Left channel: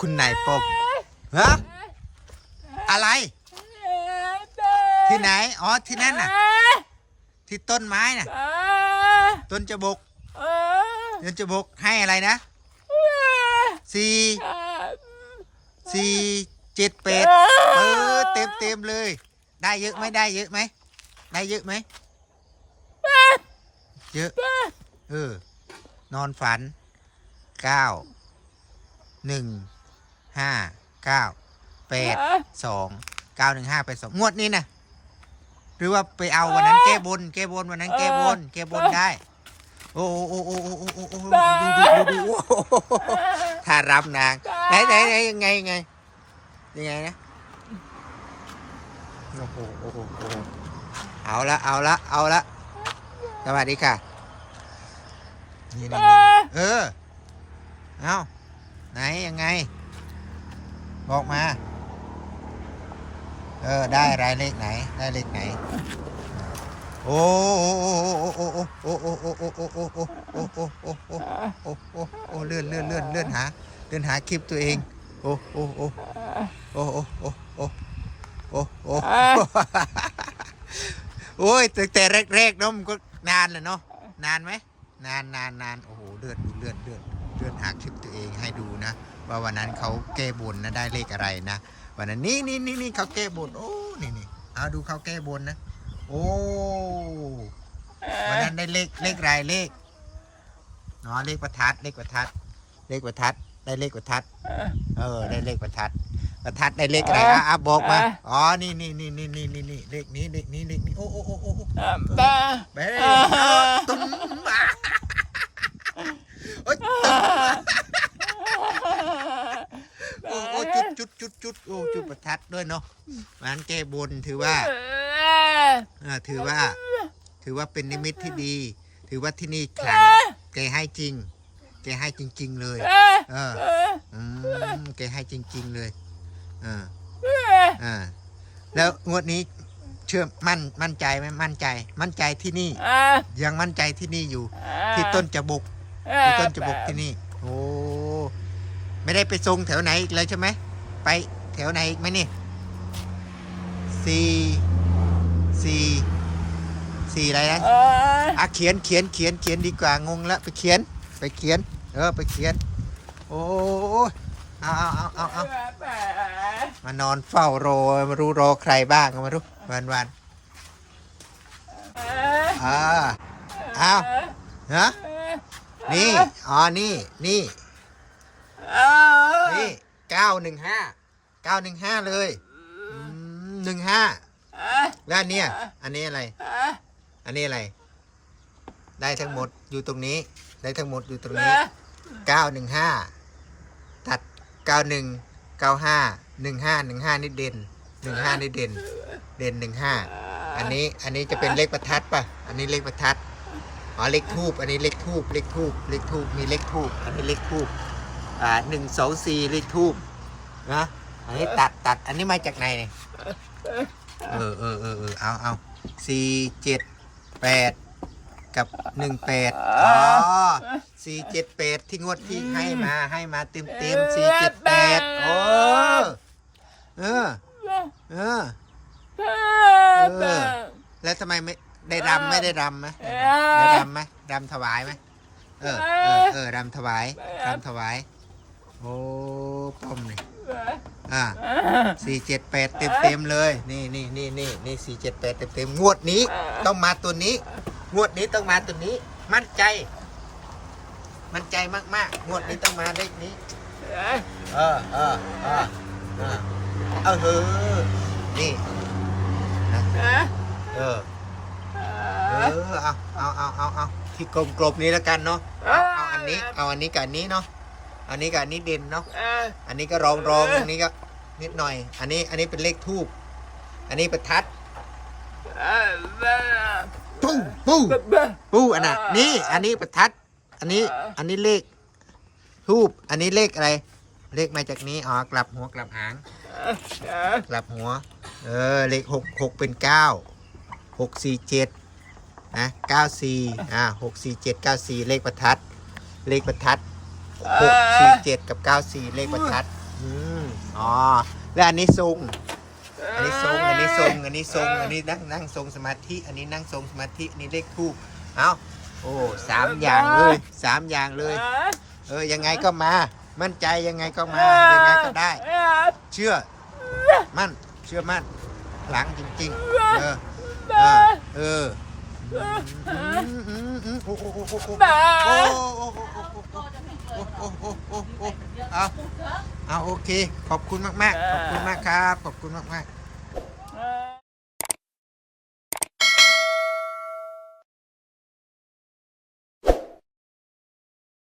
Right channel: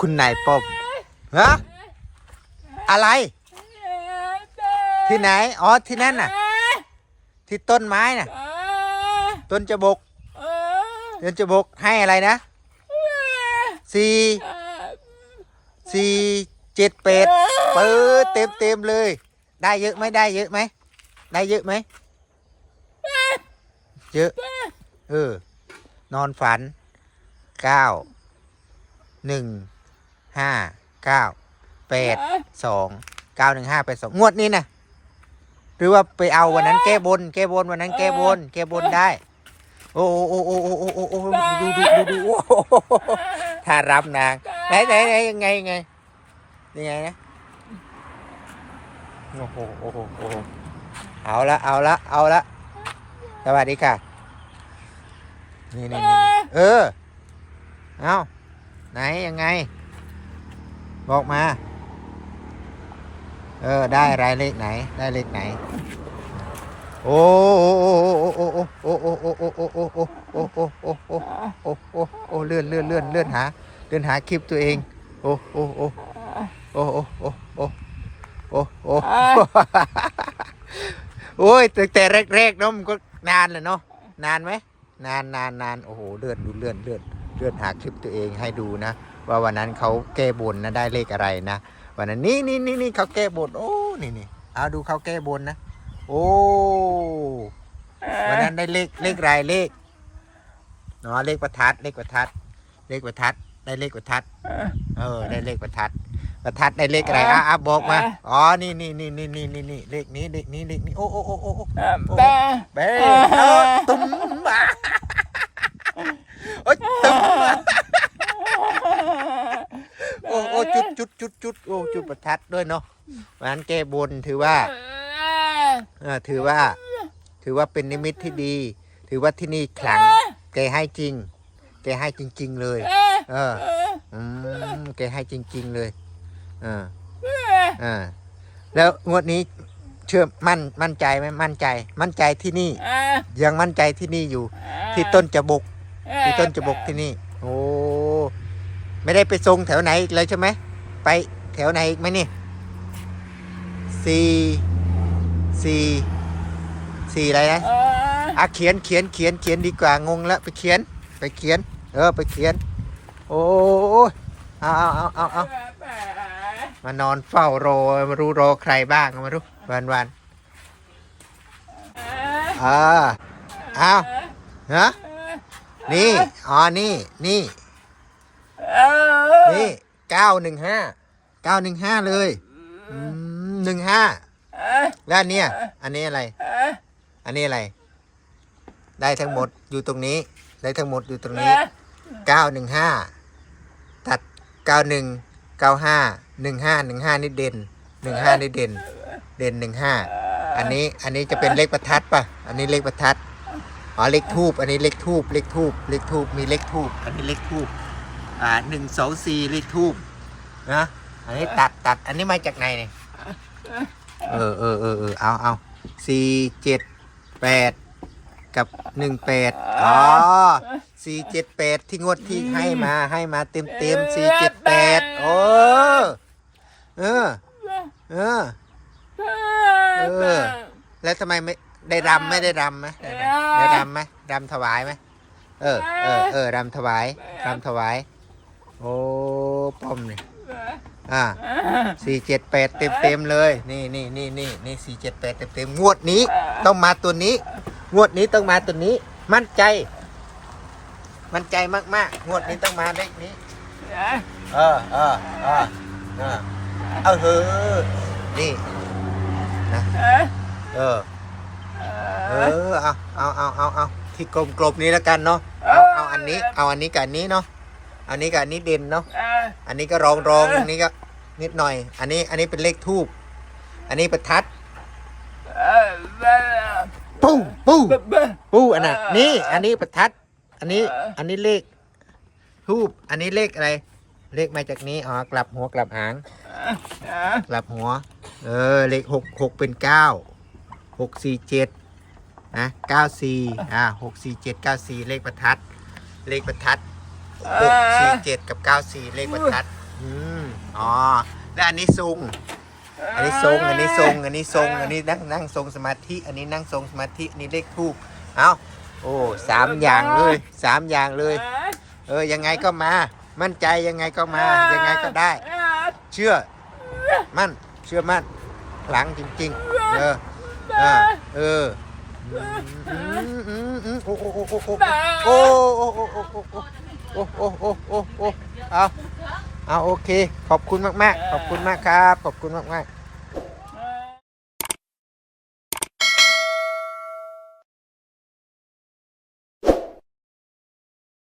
คุณนายป้อมฮะอะไร ที่ไหน อ๋อ ที่นั่นน่ะ ที่ต้นไม้น่ะ ต้นจะบกต้นจะบกให้อะไรนะสี่สี่เจ็ดเป็ดเปิดเต็มเต็มๆเลย ได้เยอะไหมได้เยอะไหมได้เยอะไหมเยอะ เออ นอนฝันเก้า หนึ่งห้าเก้าแปดสองเก้าหนึ่งห้าแปดสองงวดนี้นะหรือว่าไปเอาวันนั้นแก้บน แก้บนวันนั้นแก้บน แก้บนได้ โอ้โอ้โอ้โอ้โอ้โอ้โอ้โอ้ดูดูดูดูโอ้โหถ้ารับนางไหนไหนไหนยังไงยังไงยังไงนะโอ้โหโอ้โหโอ้โหเอาละเอาละเอาละสวัสดีค่ะนี่นี่นี่เออ เอา ไหนยังไง บอกมา เออ ได้อะไรเลขไหน ได้เลขไหนโอ้โอ้โอ้โอ้โอ้โอ้โอ้โอ้โอ้โอ้โอ้โอ้โอ้โอ้โอ้โอ้โอ้โอ้เลื่อนเลื่อนเลื่อนเลื่อนหาเลื่อนหาคลิปตัวเอง โอ้โอ้โอ้โอ้โอ้โอ้โอ้โอ้โอ้โอ้ยตั้งแต่แรกๆเนาะมันก็นานเลยเนาะนานไหมนานนานนานโอ้โหเลื่อนดูเลื่อนเลื่อน เลื่อนหาคลิปตัวเองให้ดูนะ ว่าวันนั้นเขาแก้บนนะได้เลขอะไรนะ วันนั้นนี่นี่นี่นี่เขาแก้บนโอ้นี่นี่เอาดูเขาแก้บนนะ โอ้วันนั้นได้เลขเลขรายเลขเนาะเลขประทัดเลขประทัด เลขประทัดได้เลขประทัด เออ ได้เลขประทัด ประทัดได้เลขอะไรอะอะบอกมา อ๋อ นี่นี่นี่นี่นี่นี่นี่เลขนี้เลขนี้เลขนี้ โอ้โอ้โอ้โอ้โอ้เบ้เออตุ้มมาโอ้ยตุ้มมาโอ้โอ้ จุดจุดจุดจุดโอ้จุดประทัดด้วยเนาะวันนั้นแก้บนถือว่าเออถือว่า ถือว่าเป็นนิมิตที่ดี ถือว่าที่นี่ขลังแกให้จริง แกให้จริง ๆ เลย เอออืมแกให้จริง ๆ เลยเออเออแล้วงวดนี้เชื่อมั่นมั่นใจไหมมั่นใจ มั่นใจที่นี่ยังมั่นใจที่นี่อยู่ ที่ต้นจะบกที่ต้นจะบกที่นี่ โอ้ไม่ได้ไปทรงแถวไหนอีกเลยใช่ไหม ไปแถวไหนอีกไหมนี่สี่สี่สี่อะไรนะอะเขียนเขียนเขียนเขียนดีกว่างงละไปเขียน ไปเขียน เออไปเขียน โอ้ยเอาเอาเอาเอาเอามานอนเฝ้ารอมารู้รอใครบ้างมารู้วันวันอ่าเอาฮะนี่อ๋อนี่นี่นี่ เก้าหนึ่งห้าเก้าหนึ่งห้าเลยหนึ่งห้าแล้วอันเนี้ยอันนี้อะไร อันนี้อะไร ได้ทั้งหมดอยู่ตรงนี้ ได้ทั้งหมดอยู่ตรงนี้เก้าหนึ่งห้าตัดเก้าหนึ่งเก้าห้าหนึ่งห้าหนึ่งห้านี่เด่นหนึ่งห้านี่เด่น เด่นหนึ่งห้าอันนี้อันนี้จะเป็นเลขประทัดป่ะ อันนี้เลขประทัดอ๋อเลขทูบอันนี้เลขทูบเลขทูบเลขทูบมีเลขทูบอันนี้เลขทูบ อ่าหนึ่งสองสี่เลขทูบนะอันนี้ตัดตัดอันนี้มาจากไหนเออเออเออเออเอาเอาสี่เจ็ดแปดกับหนึ่งแปดอ๋อสี่เจ็ดแปดที่งวดที่ให้มาให้มาเต็มเต็มสี่เจ็ดแปดโอ้เออเออเออแล้วทำไมไม่ได้รำไม่ได้รำไหมได้รำไหมรำถวายไหมเออเออเออรำถวายรำถวาย โอ้ป้อมนี่อ่าสี่เจ็ดแปดเต็มเต็มๆเลย นี่นี่นี่นี่นี่สี่เจ็ดแปดเต็มเต็มๆงวดนี้ ต้องมาตัวนี้ งวดนี้ต้องมาตัวนี้ มั่นใจ มั่นใจมากๆงวดนี้ต้องมาเลขนี้เออเออเออเออเอาเฮ้อนี่นะเออเออเอาเอาเอาเอาเอาที่กลมๆนี้แล้วกันเนาะเอาเอาอันนี้ เอาอันนี้กับอันนี้เนาะ อันนี้กับอันนี้เด่นเนาะอันนี้ก็รองรองอันนี้ก็นิดหน่อย อันนี้อันนี้เป็นเลขทูบอันนี้ประทัดปู้ปู้ปู้อันน่ะนี่ อันนี้ประทัด อันนี้อันนี้เลขทูบอันนี้เลขอะไร เลขมาจากนี้อ๋อกลับหัวกลับหางกลับหัว เออ เลขหกหกเป็นเก้าหกสี่เจ็ดนะเก้าสี่อ่าหกสี่เจ็ดเก้าสี่เลขประทัด เลขประทัด หกสี่เจ็ดกับเก้าสี่เลขประทัดอืมอ๋อแล้วอันนี้ทรงอันนี้ทรงอันนี้ทรงอันนี้ทรงอันนี้นั่งนั่งทรงสมาธิ อันนี้นั่งทรงสมาธิอันนี้เลขทูบเอาโอ้สามอย่างเลยสามอย่างเลย เออยังไงก็มา มั่นใจยังไงก็มายังไงก็ได้ เชื่อ มั่นเชื่อมั่นหลังจริงๆเออเออเอออืมอืมอืมโอ้โอ้โอ้โอ้โอ้โอ้โอ้โอ้โอ้โอ้ โอ้โอ้โอ้โอ้โอ้เอาเอาโอเค ขอบคุณมาก ๆ ขอบคุณมากครับ ขอบคุณมาก ๆ